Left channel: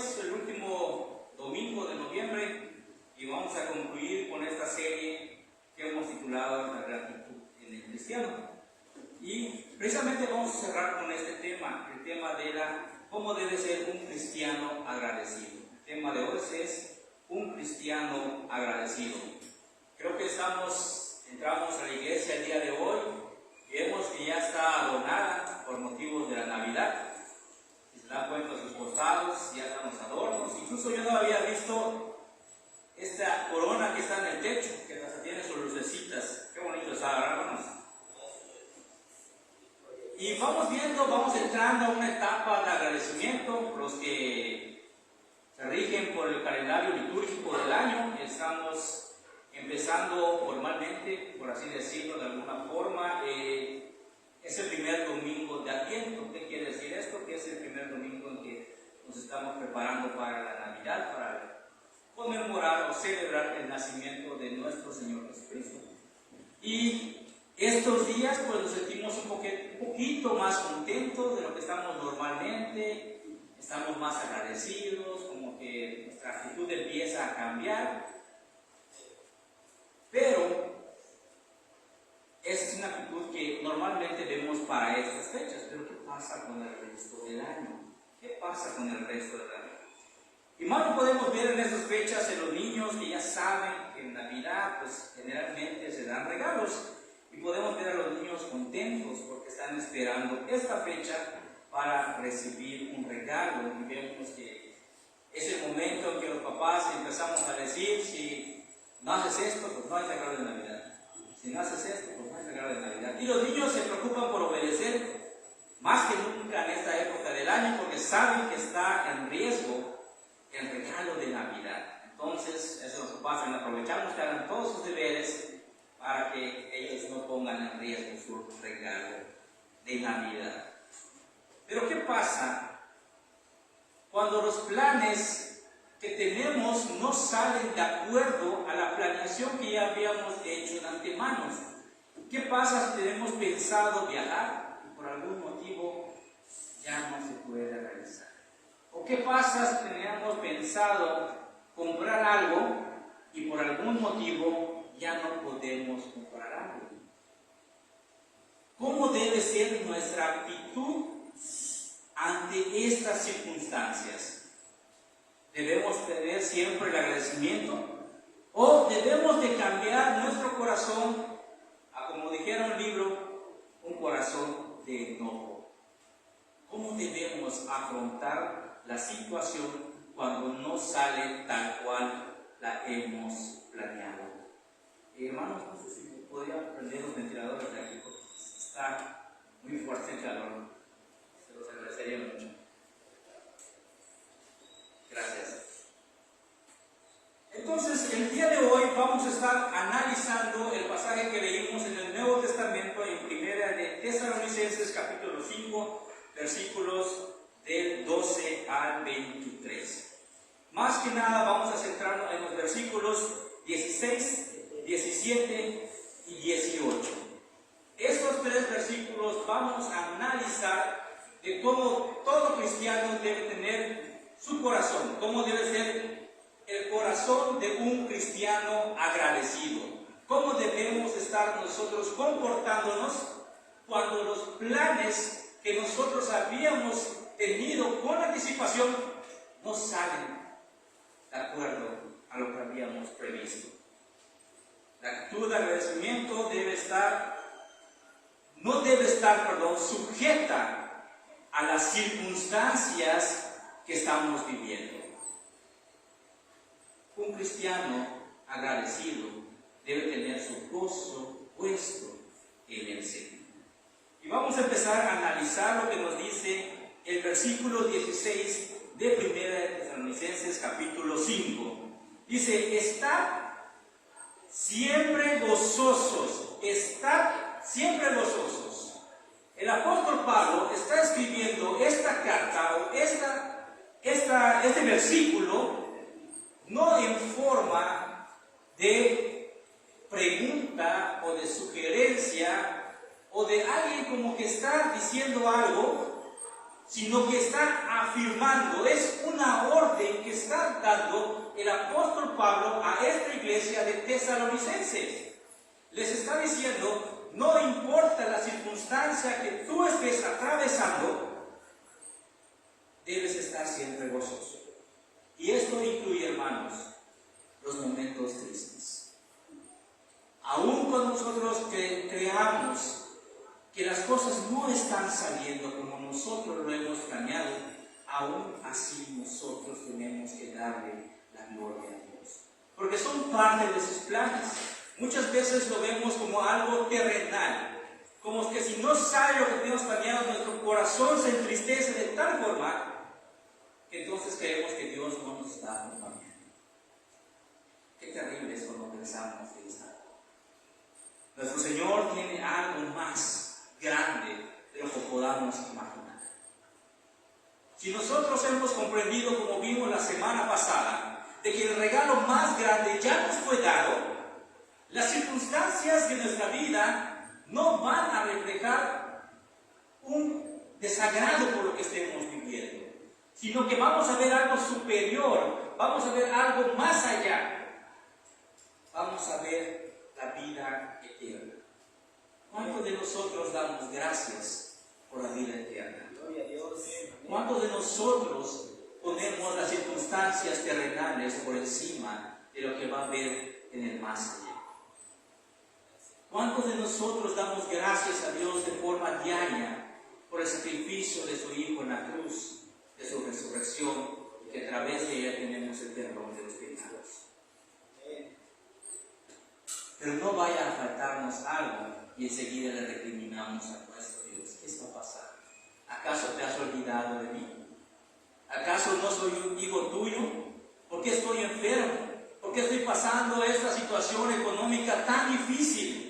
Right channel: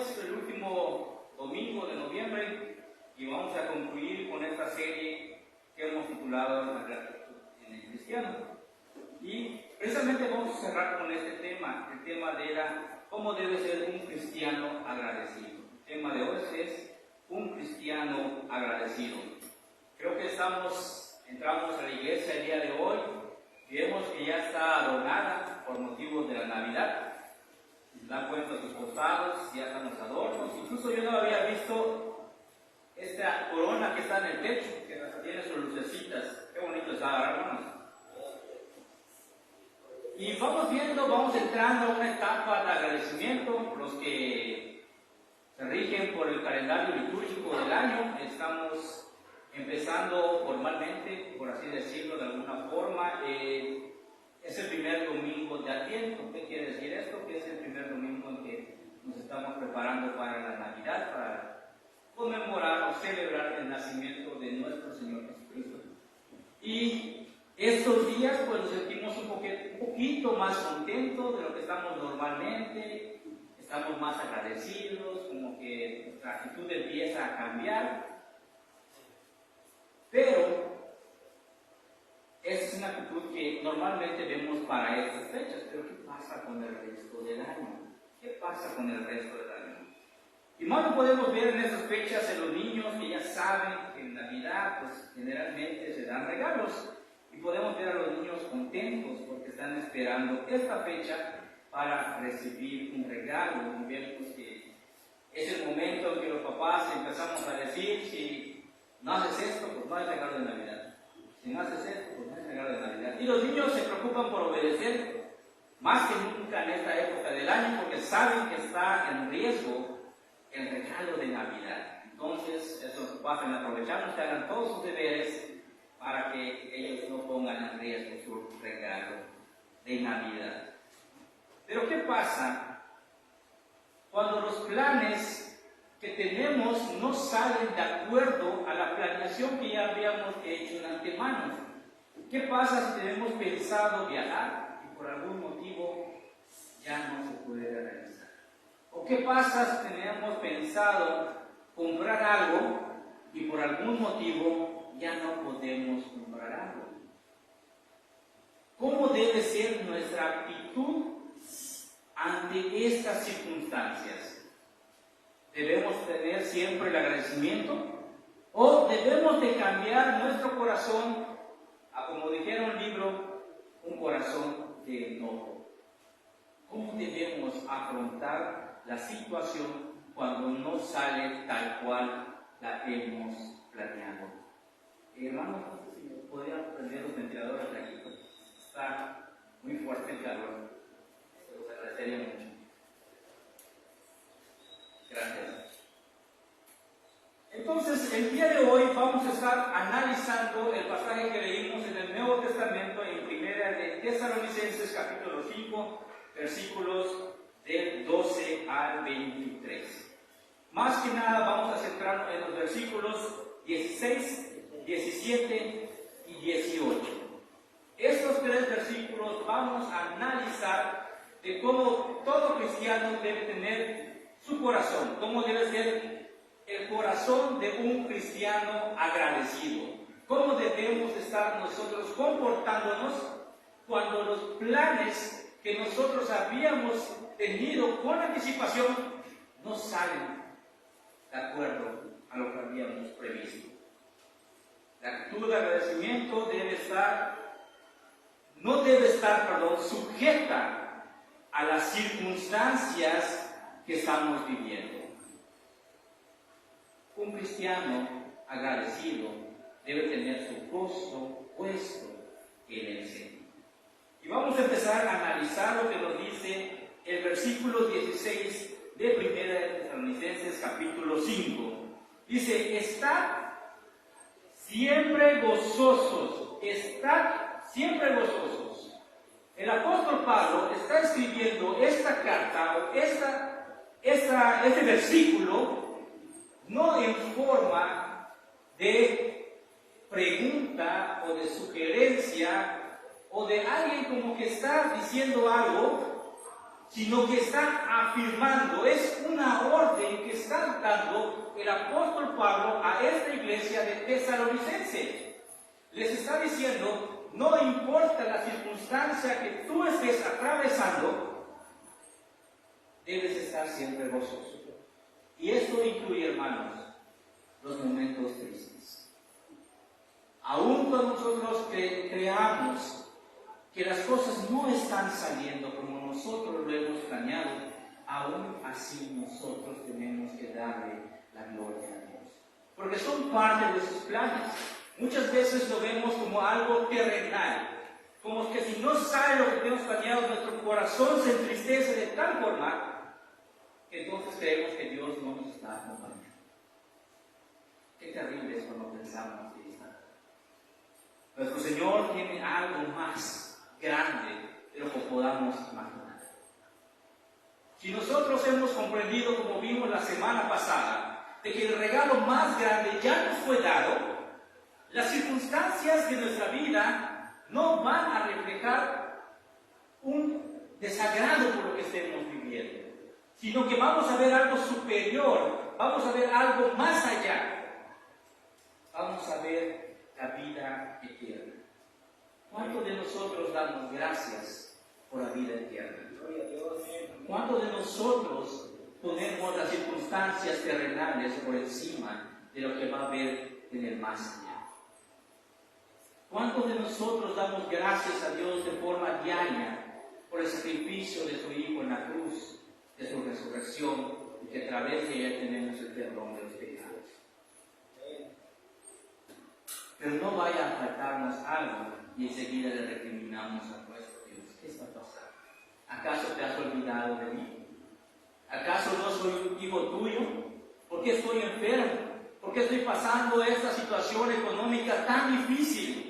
es el último domingo de noviembre y vamos a concluir con esta serie que hemos titulado La gratitud en el cristiano. Y precisamente vamos a cerrar con este tema, el tema de cómo debe ser un cristiano agradecido. El tema de hoy es un cristiano agradecido. Creo que entramos a la iglesia el día de hoy y vemos que ya está adornada por motivos de la Navidad. Se han puesto sus costados, ya están los adornos. Incluso yo no había visto esta corona que está en el techo, que hasta tiene sus lucecitas. Qué bonito está, hermanos. Y vamos entrando a una etapa de agradecimiento. Los que se rigen por el calendario litúrgico del año, estamos empezando formalmente, por así decirlo de alguna forma, es el primer domingo de Adviento. ¿Qué quiere decir esto? Que es el primer domingo en que nos estamos preparando para la Navidad, para conmemorar o celebrar el nacimiento de nuestro Señor Jesucristo. Y estos días pues nos sentimos un poquito más contentos de lo que estamos normalmente, estamos más agradecidos, como que nuestra actitud empieza a cambiar, pero esa es una actitud que normalmente vemos para estas fechas. Pero ¿qué pasa con el resto del año? ¿Qué pasa con el resto del año? Y más lo podemos ver en estas fechas en los niños que ya saben que en Navidad pues generalmente se dan regalos. Y podemos ver a los niños contentos porque están esperando esta fecha para recibir un regalo. Y vemos que es el momento en que los papás empezamos a decir: si no haces esto, pues no hay regalo de Navidad. Si no haces esto, pues no hay regalo de Navidad. Y los niños se preocupan por obedecer más que nunca en esta época del año porque saben que está en riesgo el regalo de Navidad. Entonces, eso los papás aprovechamos que hagan todos sus deberes para que ellos no pongan en riesgo su regalo de Navidad. Pero ¿qué pasa cuando los planes que tenemos no salen de acuerdo a la planeación que ya habíamos hecho en antemano? ¿Qué pasa si tenemos pensado viajar y por algún motivo ya no se puede realizar? ¿O qué pasa si teníamos pensado comprar algo y por algún motivo ya no podemos comprar algo? ¿Cómo debe ser nuestra actitud ante estas circunstancias? ¿Debemos tener siempre el agradecimiento? ¿O debemos de cambiar nuestro corazón a, como dijera un libro, un corazón de enojo? ¿Cómo debemos afrontar la situación cuando no sale tal cual la hemos planeado? Hermanos, no sé si podría prender los ventiladores de aquí, porque está muy fuerte el calor. Se los agradecería mucho. Gracias. Entonces, el día de hoy vamos a estar analizando el pasaje que leímos en el Nuevo Testamento en Primera de Tesalonicenses, capítulo 5, versículos del 12 al 23. Más que nada vamos a centrarnos en los versículos 16, 17 y 18. Estos tres versículos vamos a analizar de cómo todo cristiano debe tener su corazón, cómo debe ser el corazón de un cristiano agradecido, cómo debemos estar nosotros comportándonos cuando los planes que nosotros habíamos tenido con anticipación no salen de acuerdo a lo que habíamos previsto. La actitud de agradecimiento no debe estar sujeta a las circunstancias que estamos viviendo. Un cristiano agradecido debe tener su gozo puesto en el Señor. Y vamos a empezar a analizar lo que nos dice el versículo 16 de Primera de Tesalonicenses, capítulo 5. Dice: estad siempre gozosos, estad siempre gozosos. El apóstol Pablo está escribiendo esta carta o este versículo no en forma de pregunta o de sugerencia o de alguien como que está diciendo algo, sino que está afirmando, es una orden el apóstol Pablo a esta iglesia de Tesalonicenses. Les está diciendo, no importa la circunstancia que tú estés atravesando, debes estar siempre gozoso. Y esto incluye, hermanos, los momentos tristes. Aún cuando nosotros creamos que las cosas no están saliendo como nosotros lo hemos planeado, aún así nosotros tenemos que darle la gloria a Dios. Porque son parte de sus planes. Muchas veces lo vemos como algo terrenal, como que si no sale lo que tenemos planeado, nuestro corazón se entristece de tal forma que entonces creemos que Dios no nos está acompañando. Qué terrible es cuando pensamos que está. Nuestro Señor tiene algo más grande de lo que podamos imaginar. Si nosotros hemos comprendido, como vimos la semana pasada, de que el regalo más grande ya nos fue dado, las circunstancias de nuestra vida no van a reflejar un desagrado por lo que estemos viviendo, sino que vamos a ver algo superior, vamos a ver algo más allá, vamos a ver la vida eterna. ¿Cuántos de nosotros damos gracias por la vida eterna? ¿Cuántos de nosotros ponemos las circunstancias terrenales por encima de lo que va a haber en el más allá? ¿Cuántos de nosotros damos gracias a Dios de forma diaria por el sacrificio de su Hijo en la cruz, de su resurrección, y que a través de ella tenemos el perdón de los pecados? Pero no vaya a faltarnos algo y enseguida le recriminamos a nuestro Dios. ¿Qué está pasando? ¿Acaso te has olvidado de mí? ¿Acaso no soy un hijo tuyo? ¿Por qué estoy enfermo? ¿Por qué estoy pasando esta situación económica tan difícil?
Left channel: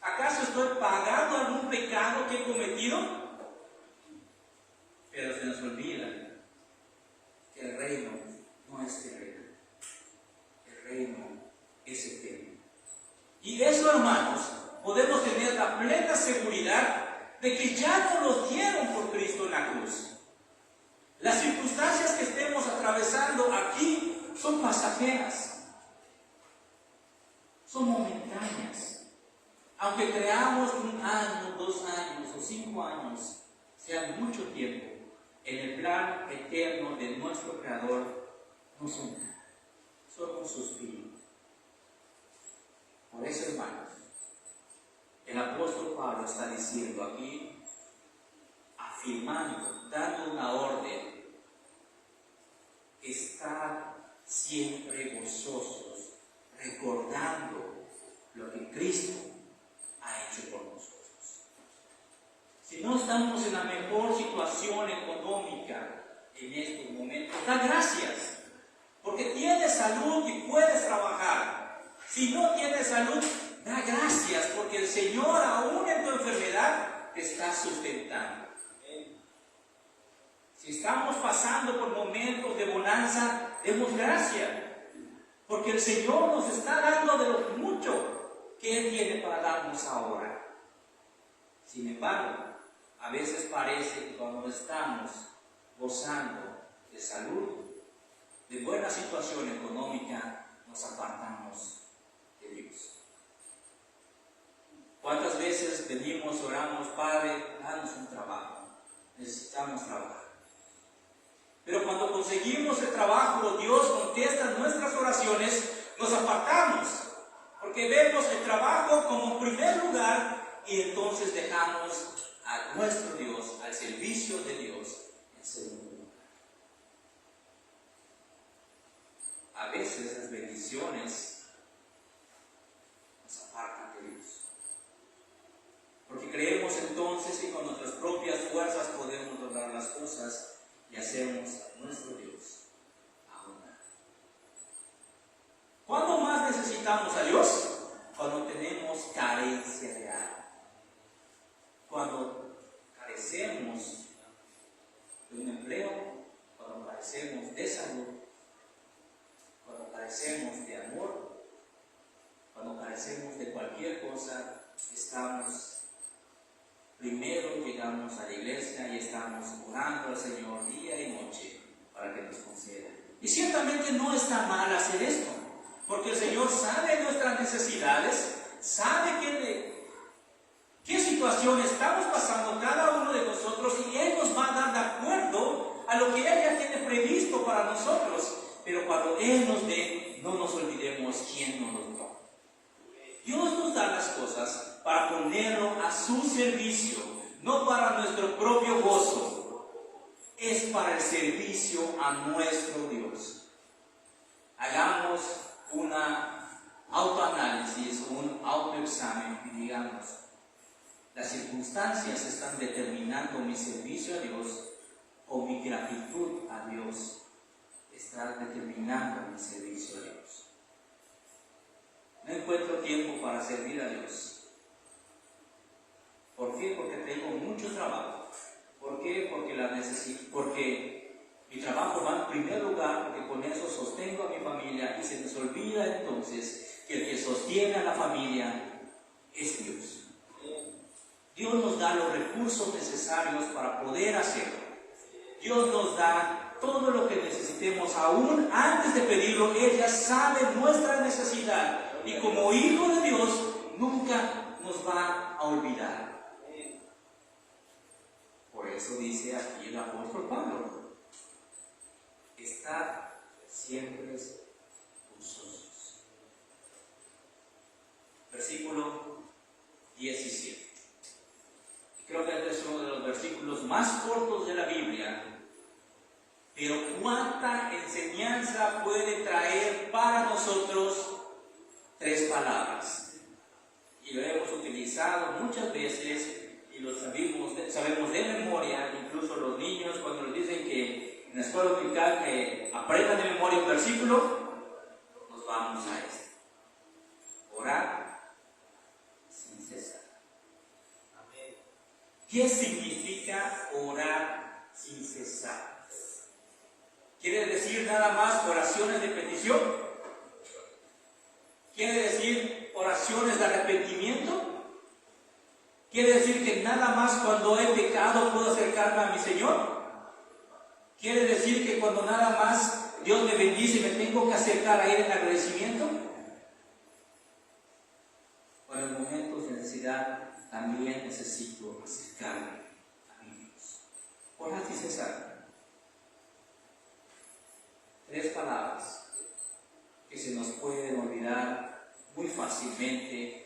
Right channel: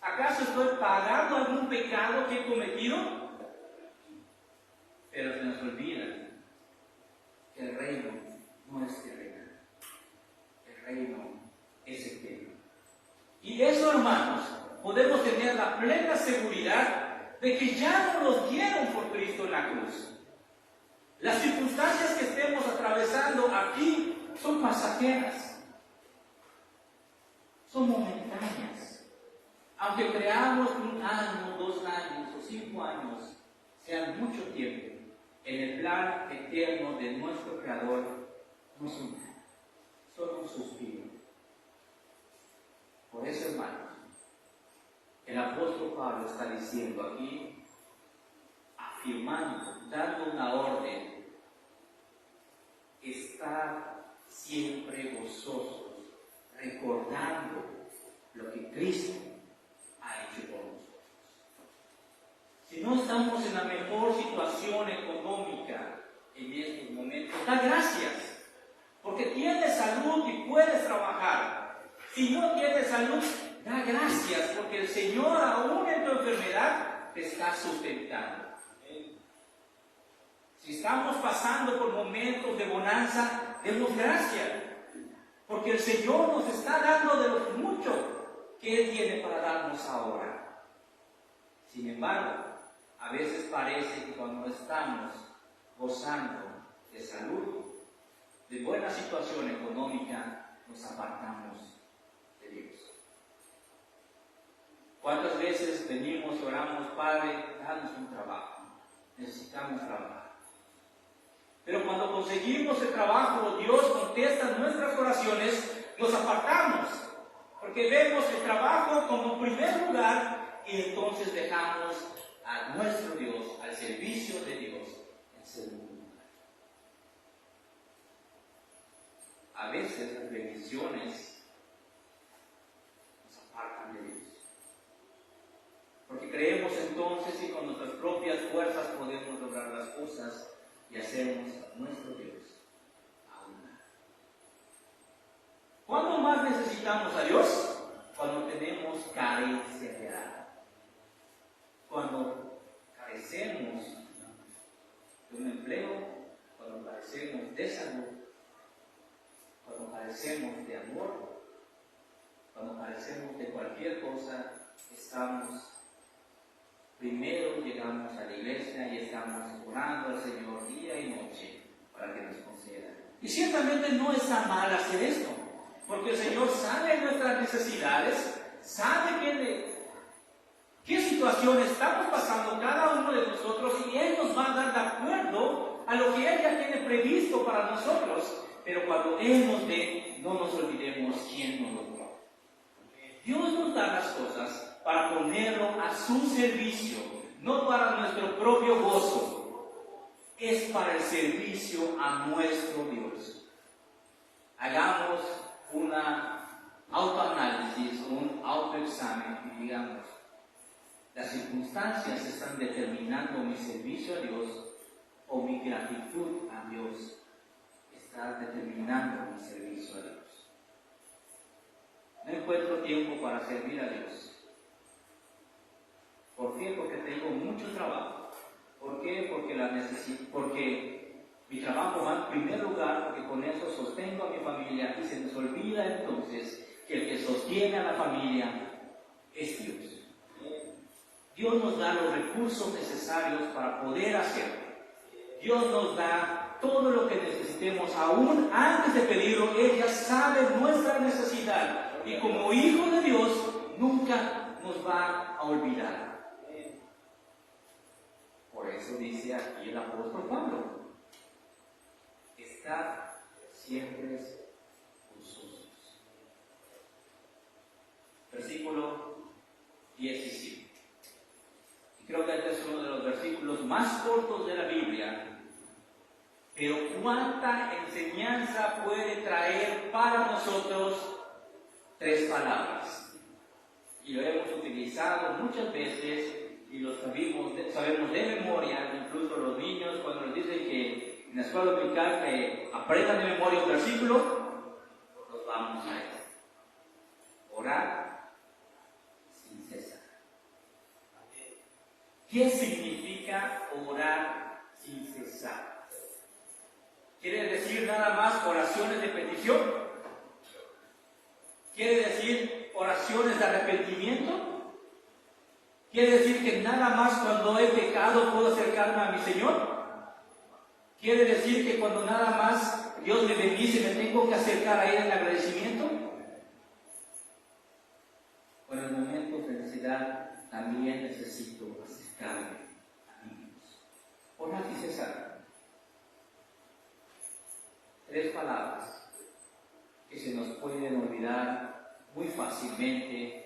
¿Acaso estoy pagando algún pecado que he cometido? Pero se nos olvida que el reino no es terrenal. El reino es eterno. Y eso, hermanos, podemos tener la plena seguridad de que ya no nos dieron por Cristo en la cruz. Las circunstancias que estemos atravesando aquí son pasajeras, son momentáneas. Aunque creamos 1 año, 2 años o 5 años, sean mucho tiempo, en el plan eterno de nuestro Creador no son nada, son un suspiro. Por eso, hermanos, el apóstol Pablo está diciendo aquí, afirmando, dando una orden: estar siempre gozosos, recordando lo que Cristo ha hecho por nosotros. Si no estamos en la mejor situación económica en estos momentos, da gracias, porque tienes salud y puedes trabajar. Si no tienes salud, da gracias, porque el Señor, aún en tu enfermedad, te está sustentando. Si estamos pasando por momentos de bonanza, demos gracias, porque el Señor nos está dando de lo mucho que Él tiene para darnos ahora. Sin embargo, a veces parece que cuando estamos gozando de salud, de buena situación económica, nos apartamos de Dios. ¿Cuántas veces venimos, oramos: Padre, danos un trabajo, necesitamos trabajar? Pero cuando conseguimos el trabajo, Dios contesta nuestras oraciones, nos apartamos, porque vemos el trabajo como primer lugar y entonces dejamos a nuestro Dios, al servicio de Dios, en segundo lugar. A veces las bendiciones nos apartan de Dios, porque creemos entonces que con nuestras propias fuerzas podemos lograr las cosas y hacemos a nuestro Dios a un lado. ¿Cuándo más necesitamos a Dios? Cuando tenemos carencia de algo. Cuando carecemos de un empleo, cuando carecemos de salud, cuando carecemos de amor, cuando carecemos de cualquier cosa, primero llegamos a la iglesia y estamos orando al Señor día y noche para que nos conceda Y ciertamente no está mal hacer esto, porque el Señor sabe nuestras necesidades, sabe qué situación estamos pasando cada uno de nosotros, y Él nos va a dar de acuerdo a lo que Él ya tiene previsto para nosotros. Pero cuando Él nos dé, no nos olvidemos quién nos lo dio. Dios nos da las cosas para ponerlo a su servicio, no para nuestro propio gozo. Es para el servicio a nuestro Dios. Hagamos una autoanálisis, un autoexamen y digamos: ¿las circunstancias están determinando mi servicio a Dios o mi gratitud a Dios está determinando mi servicio a Dios? No encuentro tiempo para servir a Dios. ¿Por qué? Porque tengo mucho trabajo. ¿Por qué? Porque mi trabajo va en primer lugar, porque con eso sostengo a mi familia, y se nos olvida entonces que el que sostiene a la familia es Dios. Dios nos da los recursos necesarios para poder hacerlo. Dios nos da todo lo que necesitemos, aún antes de pedirlo. Él ya sabe nuestra necesidad, y como hijo de Dios nunca nos va a olvidar. Por eso dice aquí el apóstol Pablo: estad siempre gozosos. Versículo 17. Creo que este es uno de los versículos más cortos de la Biblia, pero cuánta enseñanza puede traer para nosotros 3 palabras. Y lo hemos utilizado muchas veces y lo sabemos de memoria. Incluso los niños, cuando nos dicen que en la escuela dominical que aprendan de memoria un versículo, nos vamos a esto: orar sin cesar. ¿Qué significa orar sin cesar? ¿Quiere decir nada más oraciones de petición? ¿Quiere decir oraciones de arrepentimiento? ¿Quiere decir que nada más cuando he pecado puedo acercarme a mi Señor? ¿Quiere decir que cuando nada más Dios me bendice me tengo que acercar a Él en agradecimiento? Con los momentos de necesidad también necesito acercarme a mi Dios. Orar sin cesar. 3 palabras que se nos pueden olvidar muy fácilmente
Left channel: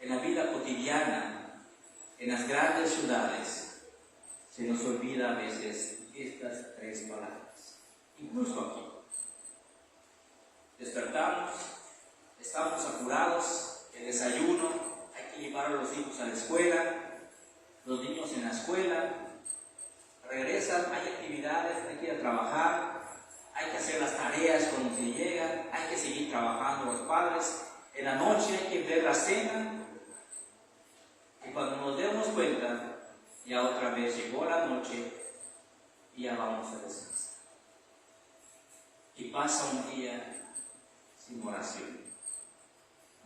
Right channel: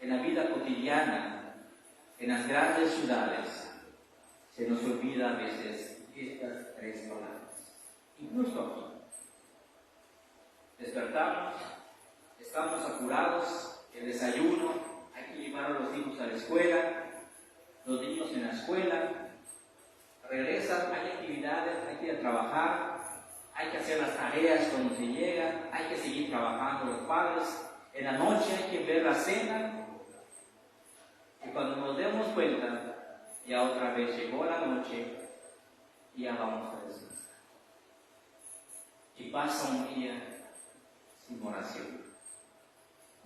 en la vida cotidiana, en las grandes ciudades. Se nos olvida a veces estas 3 palabras. Incluso aquí. Despertamos, estamos apurados, el desayuno, hay que llevar a los hijos a la escuela, los niños en la escuela, regresan, hay actividades, hay que ir a trabajar, hay que hacer las tareas cuando se llega, hay que seguir trabajando los padres, en la noche hay que ver la cena, y cuando nos demos cuenta, ya otra vez llegó la noche y ya vamos a descansar. Y pasa un día sin oración.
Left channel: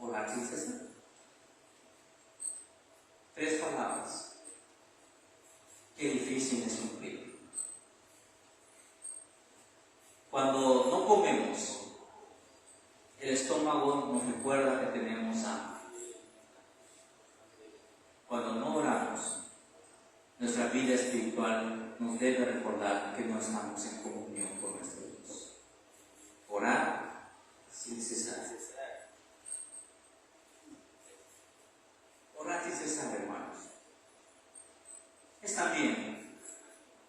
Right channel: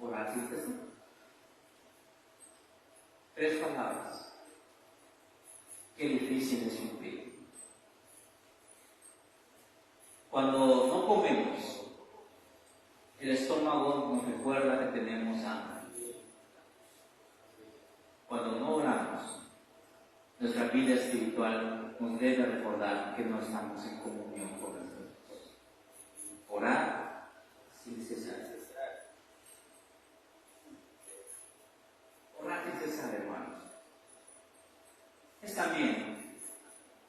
Orar sin cesar. 3 palabras. Qué difícil es cumplir. Cuando no comemos, el estómago nos recuerda que tenemos hambre. Cuando no oramos, nuestra vida espiritual nos debe recordar que no estamos en comunión con nuestro Dios. Orar sin cesar. Orar sin cesar, hermanos, es también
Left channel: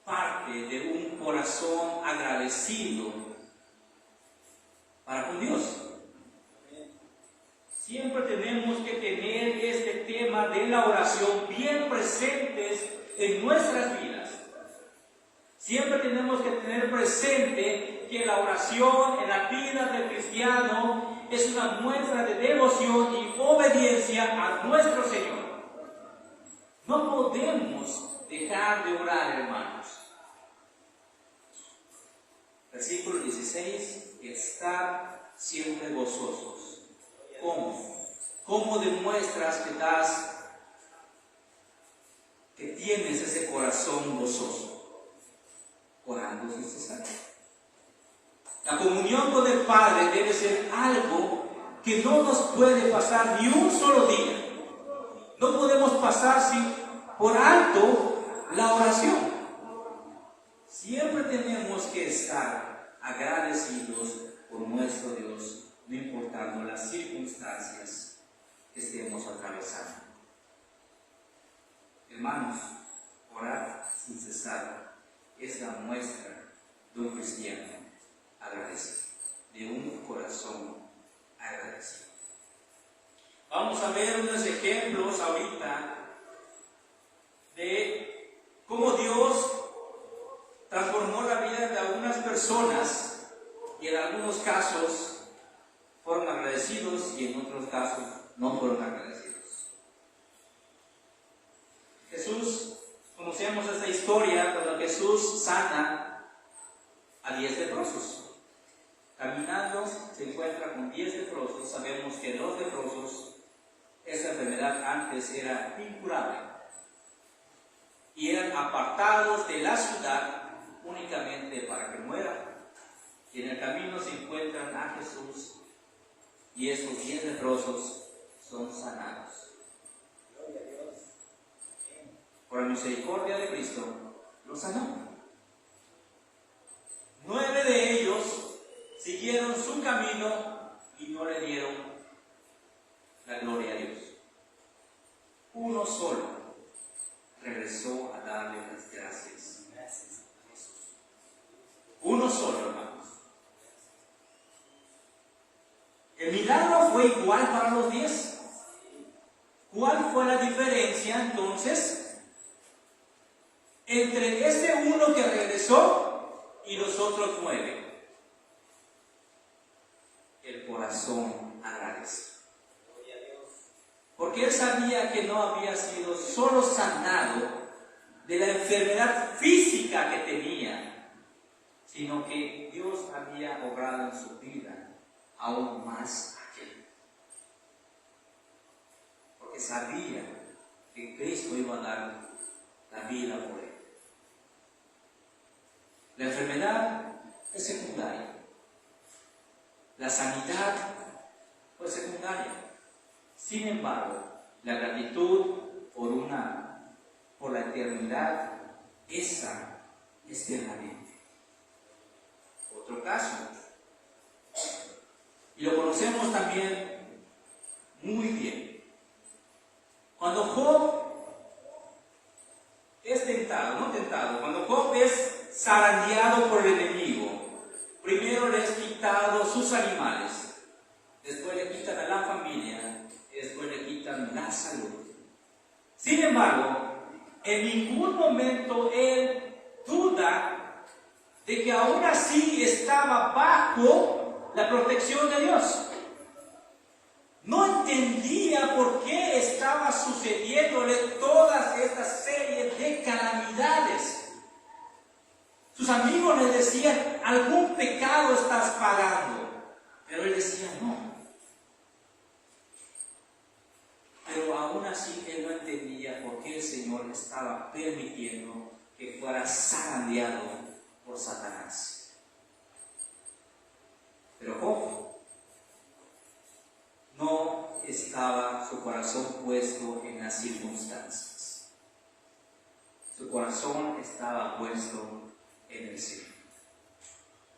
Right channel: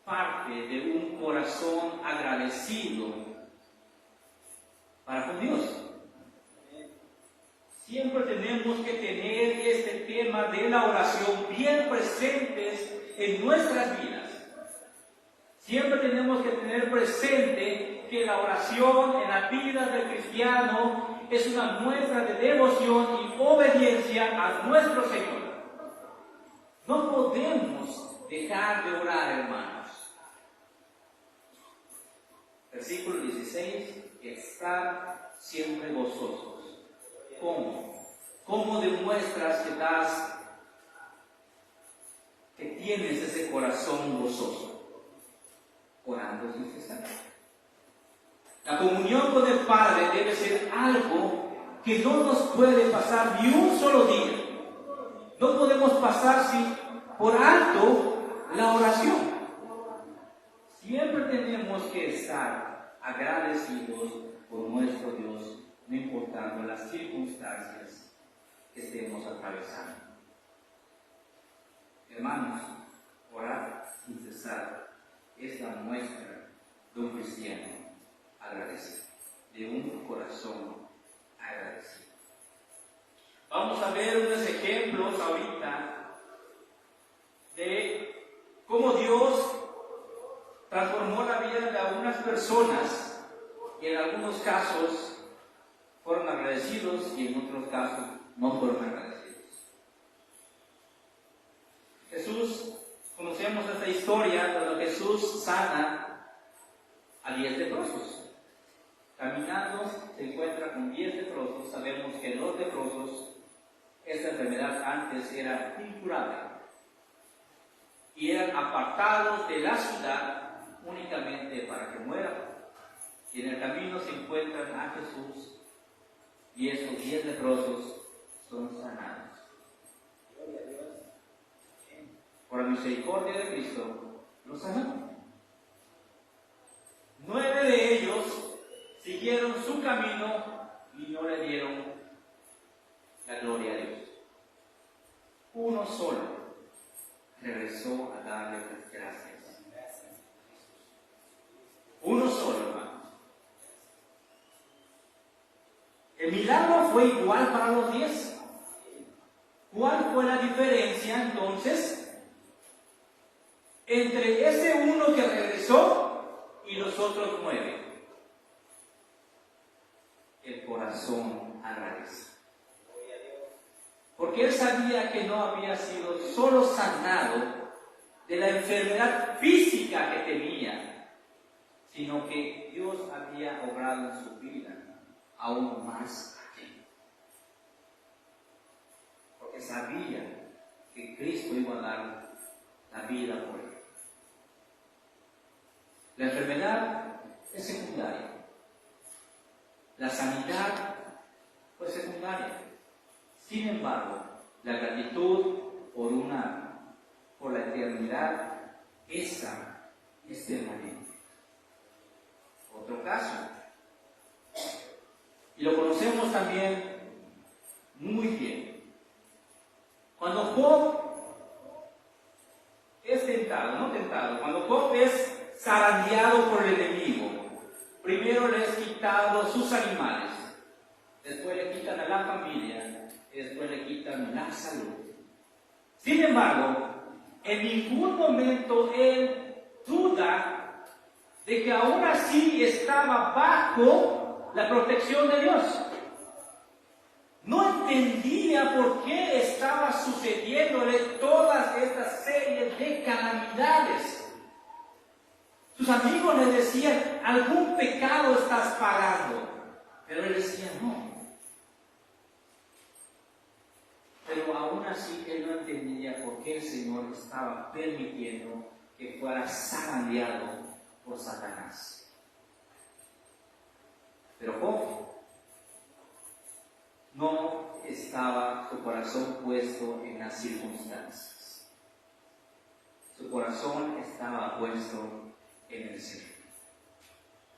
parte de un corazón agradecido para con Dios. Siempre tenemos que tener este tema de la oración bien presentes en nuestras vidas. Siempre tenemos que tener presente que la oración en la vida del cristiano es una muestra de devoción y obediencia a nuestro Señor. No podemos dejar de orar, hermanos. Versículo 16: estar siempre gozosos. ¿Cómo? ¿Cómo demuestras que tienes ese corazón gozoso? Orando sin cesar. La comunión con el Padre debe ser algo que no nos puede pasar ni un solo día. No podemos pasar por alto la oración. Siempre tenemos que estar agradecidos por nuestro Dios, no importando las circunstancias que estemos atravesando. Hermanos, orar sin cesar es la muestra de un cristiano agradecido, de un corazón agradecido. Vamos a ver unos ejemplos ahorita de cómo Dios transformó la vida de algunas personas y en algunos casos fueron agradecidos y en otros casos no fueron agradecidos. Jesús, conocemos esta historia cuando Jesús sana a 10 leprosos. Caminando se encuentra con 10 leprosos. Sabemos que los leprosos, esta enfermedad antes era incurable y eran apartados de la ciudad únicamente para que mueran. Y en el camino se encuentran a Jesús y estos 10 leprosos son sanados. Por la misericordia de Cristo, los sanó. 9 de ellos siguieron su camino y no le dieron la gloria a Dios. Uno solo regresó a darle las gracias. Uno solo, hermanos. El milagro fue igual para los 10. ¿Cuál fue la diferencia entonces entre este uno que regresó y los otros 9? El corazón agradecido. Porque él sabía que no había sido solo sanado de la enfermedad física que tenía, sino que Dios había obrado en su vida aún más aquel. Porque sabía que Cristo iba a dar la vida por él. La enfermedad es secundaria. La sanidad fue secundaria. Sin embargo, la gratitud por la eternidad, esa es permanente. Otro caso, y lo conocemos también muy bien. Cuando Job es cuando Job es zarandeado por el enemigo, primero le es quitado sus animales, después le quitan a la familia, después le quitan la salud. Sin embargo, en ningún momento él duda de que aún así estaba bajo la protección de Dios. No entendía por qué estaba sucediéndole todas estas series de calamidades. Sus amigos le decían, algún pecado estás pagando. Pero él decía, no. Pero aún así él no entendía por qué el Señor estaba permitiendo que fuera zarandeado por Satanás. Pero Job no estaba su corazón puesto en las circunstancias. Su corazón estaba puesto en el Señor.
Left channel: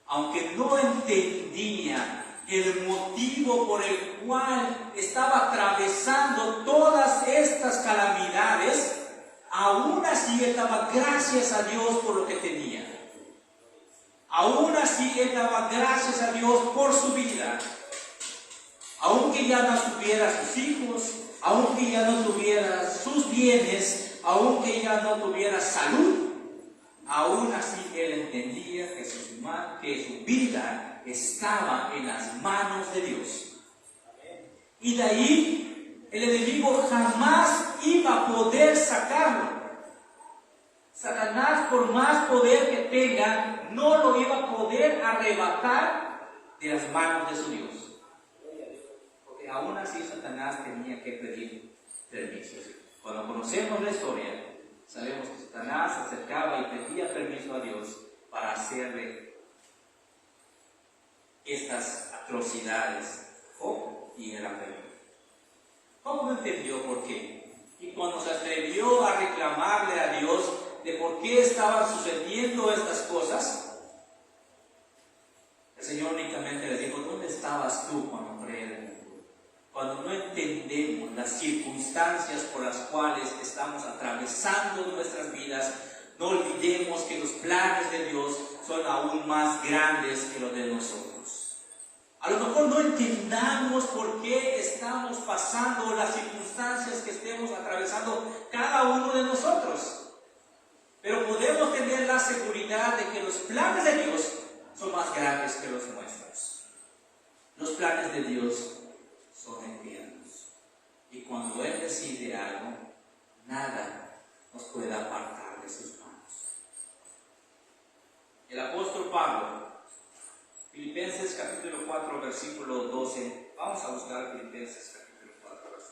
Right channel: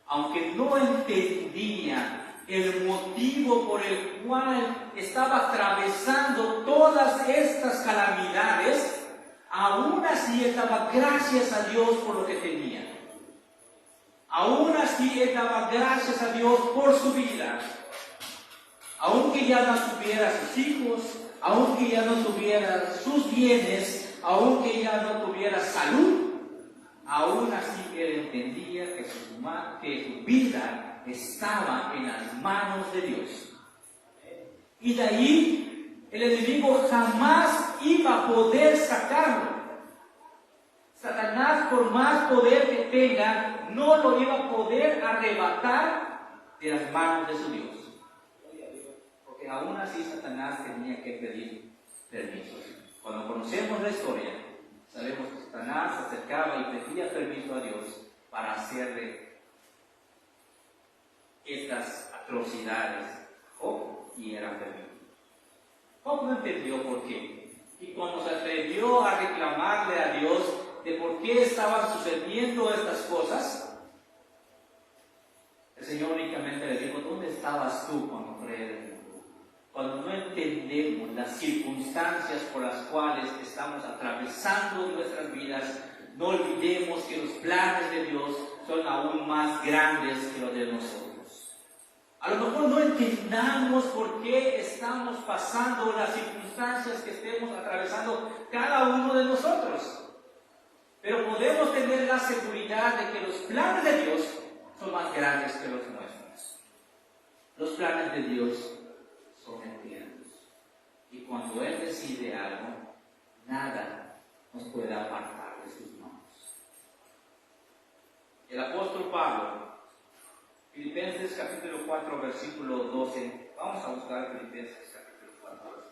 Aunque no entendía el motivo por el cual estaba atravesando todas estas calamidades, aún así él daba gracias a Dios por lo que tenía. Aún así él daba gracias a Dios por su vida. Aunque ya no tuviera sus hijos, aunque ya no tuviera sus bienes, aunque ya no tuviera salud, aún así él entendía que su vida estaba en las manos de Dios. Y de ahí el enemigo jamás iba a poder sacarlo. Satanás, por más poder que tenga, no lo iba a poder arrebatar de las manos de su Dios. Porque aún así Satanás tenía que pedir permiso. Cuando conocemos la historia, sabemos que Satanás se acercaba y pedía permiso a Dios para hacerle estas atrocidades. Y era feliz. ¿Cómo no entendió por qué? Y cuando se atrevió a reclamarle a Dios de por qué estaban sucediendo estas cosas, el Señor únicamente le dijo: ¿dónde estabas tú cuando fue el mundo? Cuando no entendemos las circunstancias por las cuales estamos atravesando nuestras vidas, no olvidemos que los planes de Dios son aún más grandes que los de nosotros. A lo mejor no entendamos por qué estamos pasando las circunstancias que estemos atravesando cada uno de nosotros, pero podemos tener la seguridad de que los planes de Dios son más grandes que los nuestros. Los planes de Dios son eternos, y cuando Él decide algo, nada nos puede apartar de sus manos. El apóstol Pablo, Filipenses capítulo 4, versículo 12. Vamos a buscar Filipenses capítulo 4, versículo 12.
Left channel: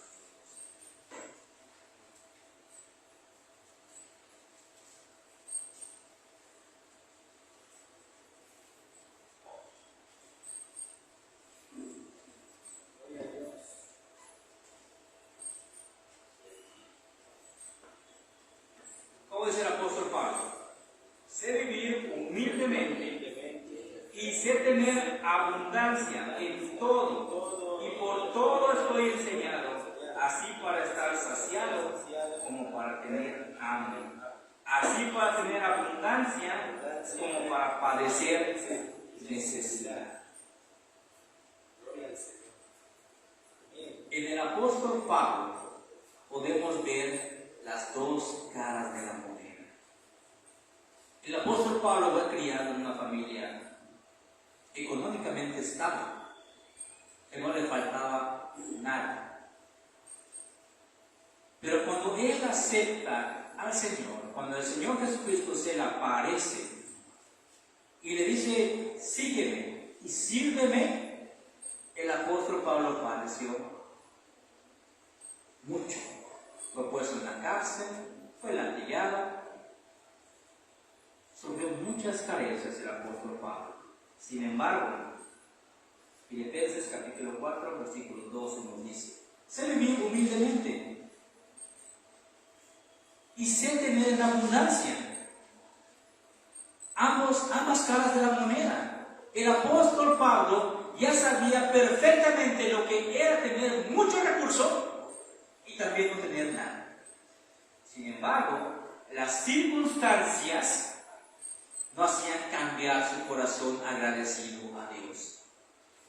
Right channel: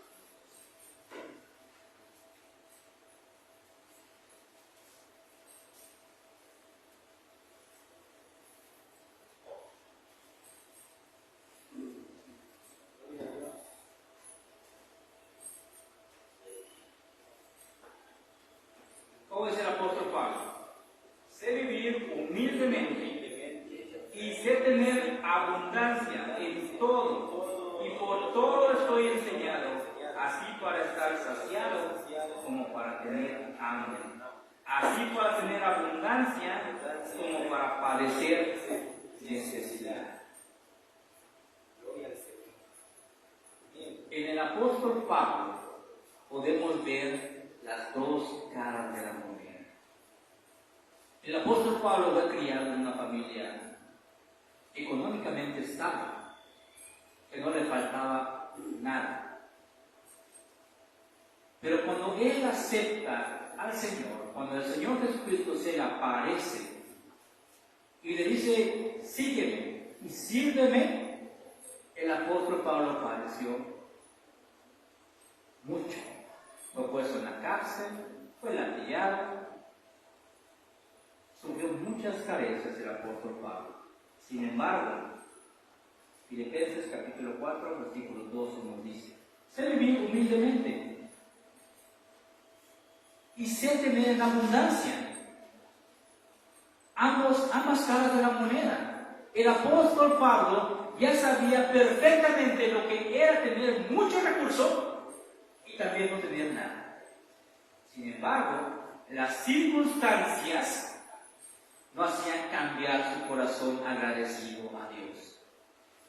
¿Cómo dice el apóstol Pablo? Sé vivir humildemente y sé tener abundancia en todo, y por todo estoy enseñado, así para estar saciado como para tener hambre, así para tener abundancia como para padecer necesidad. En el apóstol Pablo podemos ver las dos caras de la moneda. El apóstol Pablo fue criado en una familia económicamente estable, que no le faltaba nada. Pero cuando él acepta al Señor, cuando el Señor Jesucristo se le aparece y le dice: sígueme y sírveme, el apóstol Pablo padeció mucho. Fue puesto en la cárcel, fue latigado, sufrió muchas carencias el apóstol Pablo. Sin embargo, Filipenses capítulo 4, versículo 12 nos dice: sé vivir humildemente y sé tener en abundancia. Ambas caras de la moneda. El apóstol Pablo ya sabía perfectamente lo que era tener mucho recurso y también no tener nada. Sin embargo, las circunstancias no hacían cambiar su corazón agradecido a Dios.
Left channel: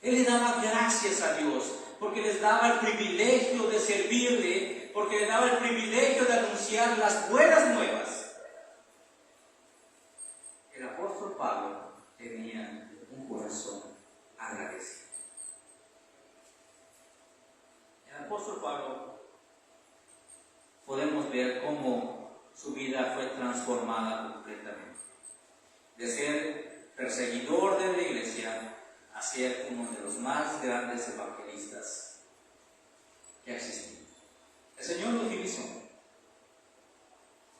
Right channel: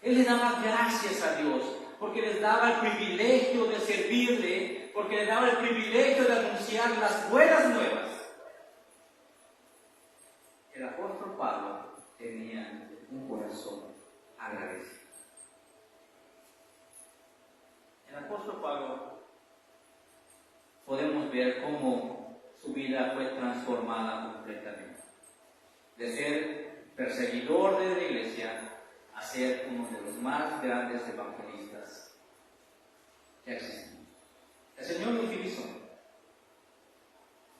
Él le daba gracias a Dios porque les daba el privilegio de servirle, porque le daba el privilegio de anunciar las buenas nuevas. El apóstol Pablo tenía un corazón agradecido. El apóstol Pablo, podemos ver cómo su vida fue transformada completamente. De ser perseguidor de la iglesia a ser uno de los más grandes evangelistas que ha existido. El Señor lo utilizó.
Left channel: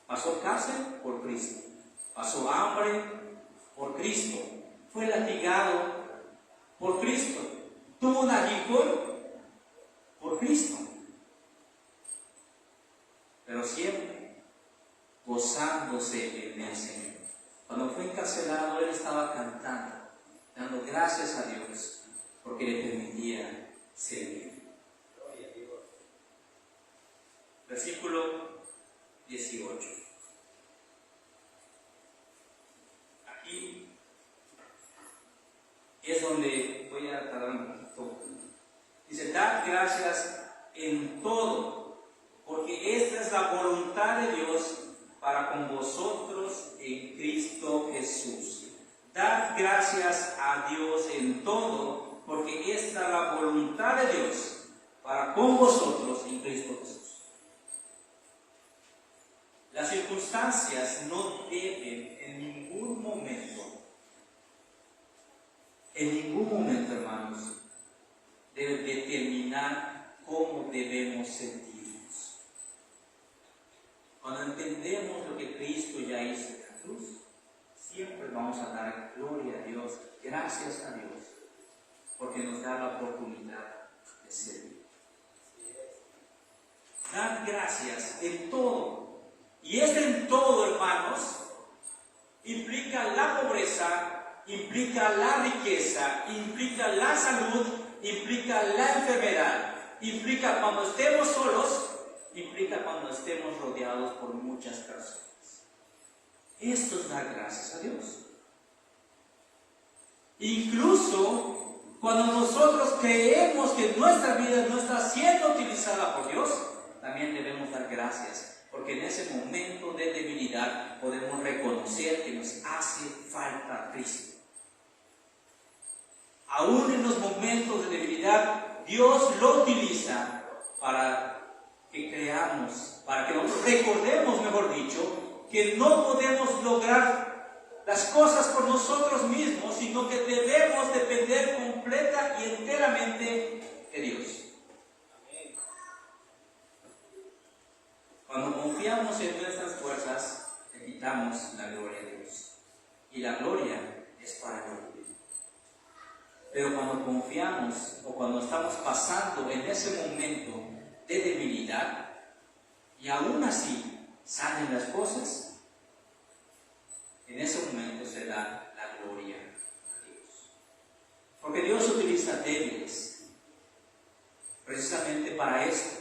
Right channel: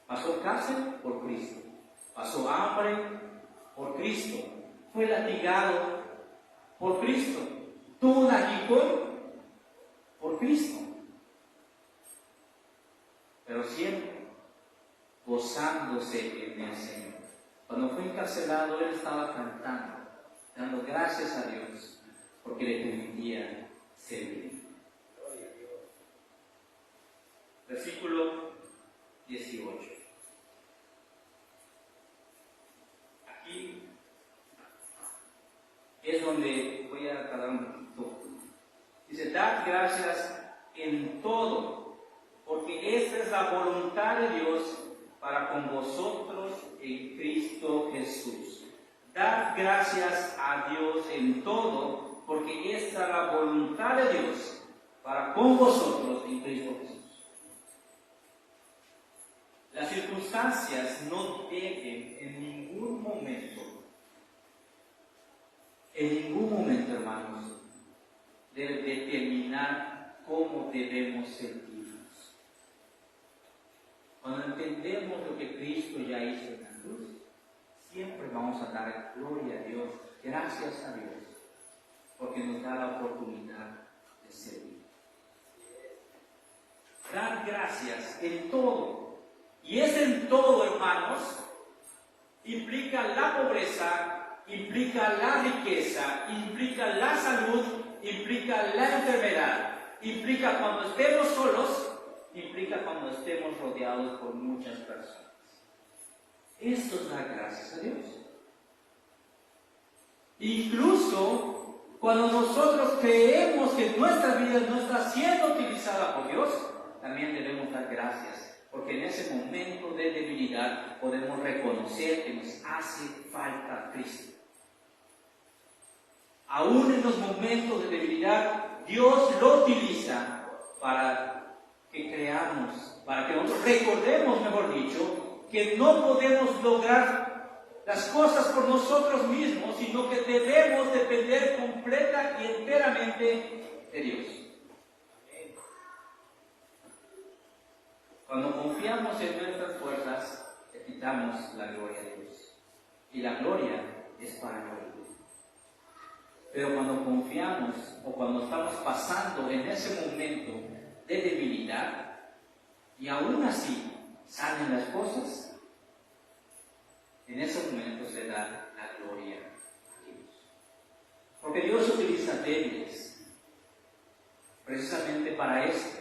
Pasó cárcel por Cristo, pasó hambre por Cristo, fue latigado por Cristo, tuvo un aguijón por Cristo, pero siempre gozándose en el Señor. Cuando fue encarcelado, él estaba cantando, dando gracias a Dios porque le permitía servir. Versículo 18. Aquí es donde voy a tardar un poquito. Dice: dad gracias en todo, porque esta es la voluntad de Dios para con vosotros en Cristo Jesús. Dad gracias a Dios en todo, porque esta es la voluntad de Dios para con vosotros en Cristo Jesús. Las circunstancias no deben en ningún momento, hermanos, deben determinar cómo debemos sentirnos. Cuando entendemos lo que Cristo ya hizo en la cruz, siempre vamos a dar gloria a Dios, gracias a Dios, porque nos da la oportunidad de servir. Dar gracias en todo. Y es en todo, hermanos. Implica la pobreza, implica la riqueza, implica la salud, implica la enfermedad, implica cuando estemos solos, implica cuando estemos rodeados por muchas personas. Esto es dar gracias a Dios. Incluso cuando nosotros creemos que nuestra vida no está siendo utilizada por Dios, también debemos dar gracias. Porque en ese momento de debilidad podemos reconocer que nos hace falta Cristo. Aún en los momentos de debilidad, Dios lo utiliza para que creamos, para que nos recordemos, mejor dicho, que no podemos lograr las cosas por nosotros mismos, sino que debemos depender completa y enteramente de Dios. Cuando confiamos en nuestras fuerzas, le quitamos la gloria a Dios. Y la gloria es para Dios. Pero cuando confiamos o cuando estamos pasando en ese momento de debilidad, y aún así salen las cosas, en ese momento se da la gloria a Dios. Porque Dios utiliza débiles precisamente para esto,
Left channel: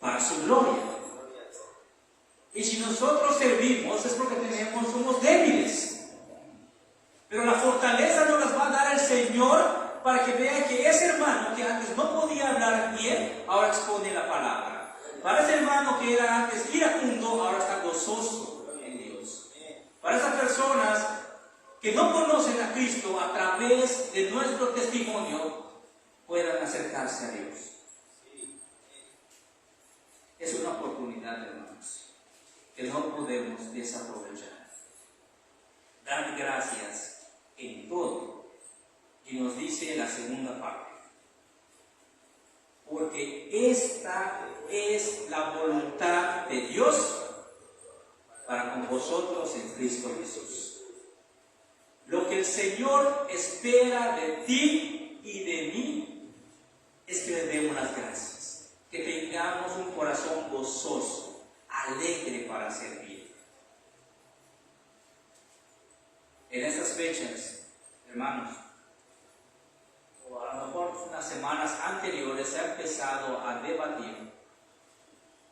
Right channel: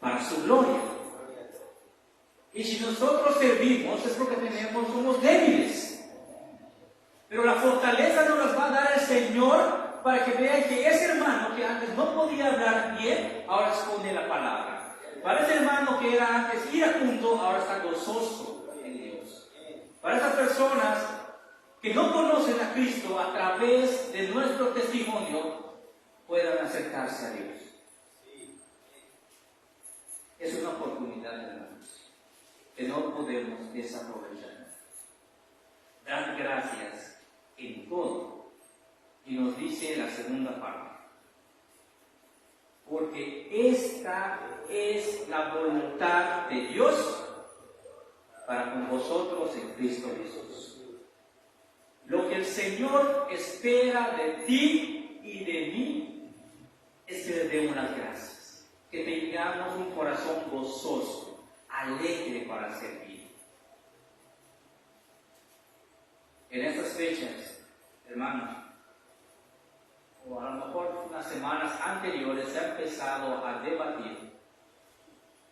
para su gloria. Y si nosotros servimos es porque somos débiles. Pero la fortaleza nos las va a dar el Señor para que vean que ese hermano que antes no podía hablar bien, ahora expone la palabra. Para ese hermano que era antes iracundo, ahora está gozoso en Dios. Para esas personas que no conocen a Cristo, a través de nuestro testimonio, puedan acercarse a Dios. Es una oportunidad, hermanos, que no podemos desaprovechar. Dar gracias en todo. Y nos dice la segunda parte. Porque esta es la voluntad de Dios para con vosotros en Cristo Jesús. Lo que el Señor espera de ti y de mí es que le demos las gracias. Que tengamos un corazón gozoso, alegre para servir. En estas fechas, hermanos, o a lo mejor unas semanas anteriores, se ha empezado a debatir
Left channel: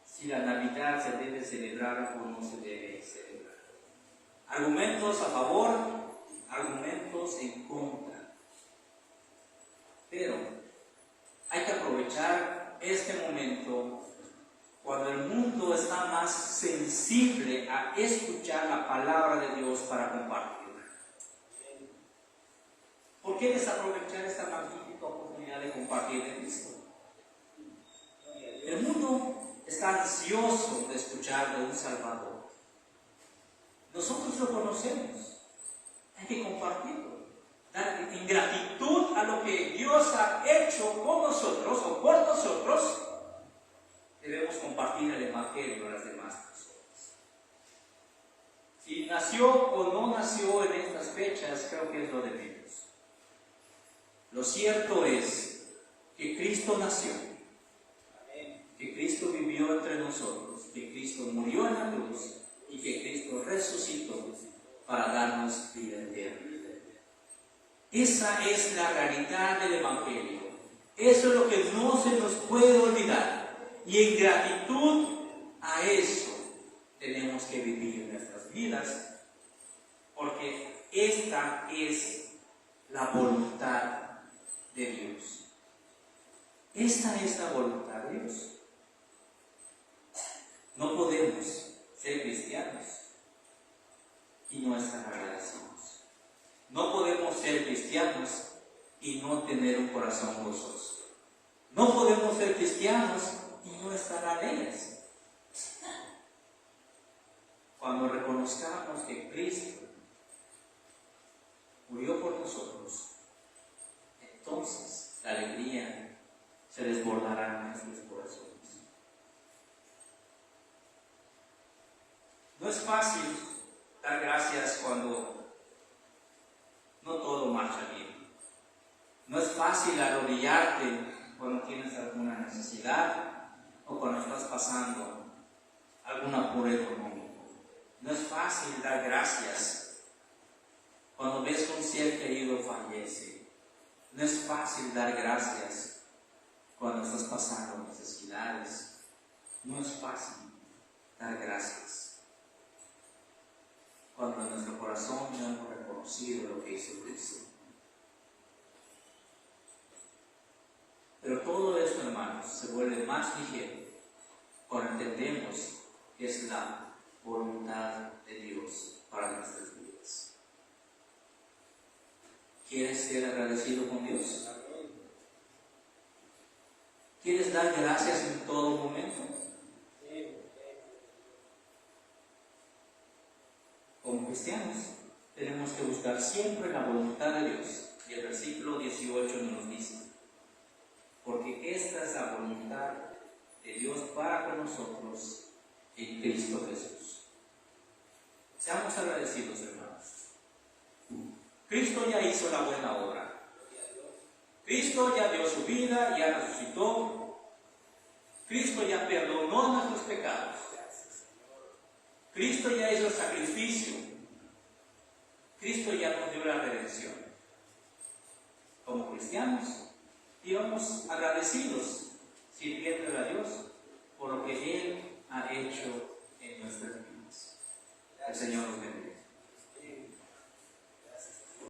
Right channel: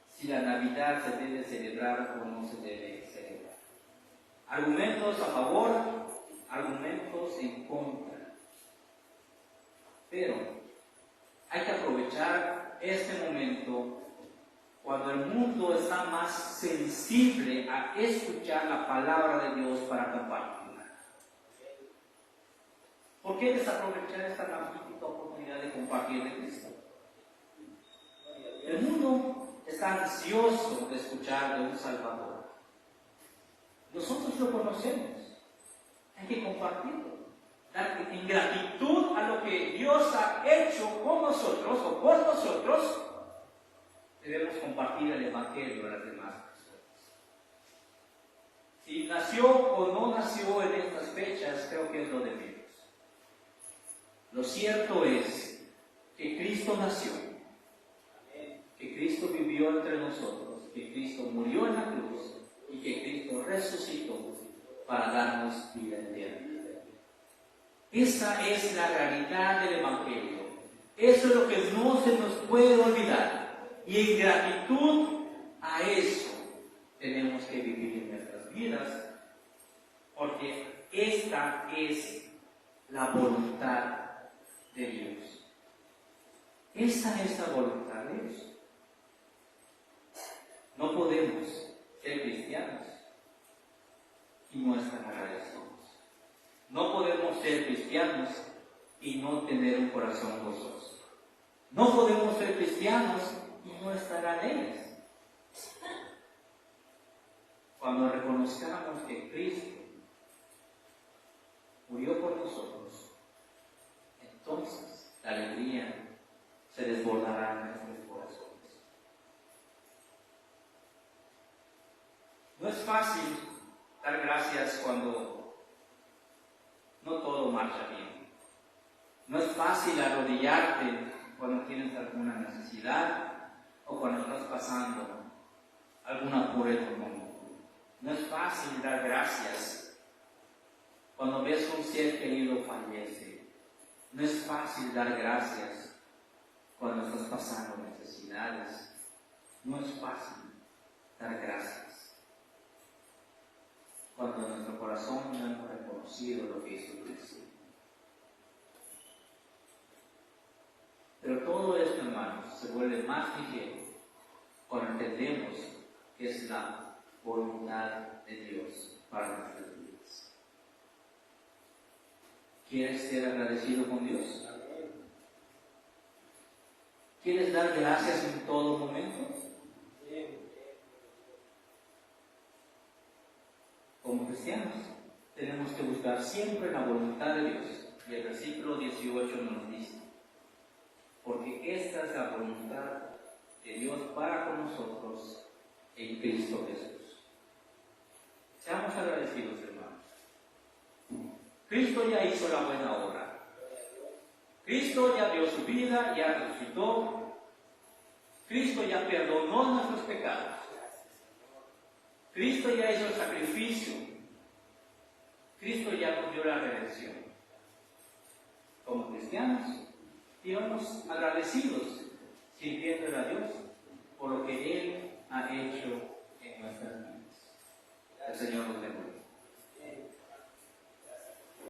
si la Navidad se debe celebrar o no se debe celebrar. Argumentos a favor, argumentos en contra. Pero hay que aprovechar este momento cuando el mundo está más sensible a escuchar la palabra de Dios para compartirla. ¿Por qué desaprovechar esta magnífica oportunidad de compartir de Cristo? El mundo está ansioso de escuchar de un Salvador. Nosotros lo conocemos. Hay que compartirlo. En gratitud a lo que Dios ha hecho con nosotros o por nosotros, debemos compartir el Evangelio a las demás personas. Si nació o no nació en estas fechas, creo que es lo de menos. Lo cierto es que Cristo nació, que Cristo vivió entre nosotros, que Cristo murió en la cruz y que Cristo resucitó para darnos vida eterna. Esa es la realidad del Evangelio. Eso es lo que no se nos puede olvidar. Y en gratitud a eso tenemos que vivir nuestras vidas, porque esta es la voluntad de Dios. Esta es la voluntad de Dios. No podemos ser cristianos y no estar agradecidos. No podemos ser cristianos y no tener un corazón gozoso. No podemos ser cristianos y no estar alegres. Cuando reconozcamos que Cristo murió por nosotros, entonces la alegría se desbordará en nuestros corazones. No es fácil dar gracias cuando no todo marcha bien. No es fácil necesidad o cuando estás pasando algún apuro económico. No es fácil dar gracias cuando ves que un ser querido fallece. No es fácil dar gracias cuando estás pasando necesidades. No es fácil dar gracias cuando en nuestro corazón no hemos reconocido lo que hizo Cristo. Pero todo esto, hermanos, se vuelve más ligero cuando entendemos que es la voluntad de Dios para nuestras vidas. ¿Quieres ser agradecido con Dios? ¿Quieres dar gracias en todo momento? Como cristianos, tenemos que buscar siempre la voluntad de Dios. Y el versículo 18 nos dice: porque esta es la voluntad de Dios para con nosotros en Cristo Jesús. Seamos agradecidos, hermanos. Cristo ya hizo la buena obra. Cristo ya dio su vida, ya resucitó. Cristo ya perdonó nuestros pecados. Cristo ya hizo el sacrificio. Cristo ya nos dio la redención. Como cristianos, vivamos agradecidos, sirviéndole a Dios por lo que Él ha hecho en nuestras vidas. El Señor nos bendiga.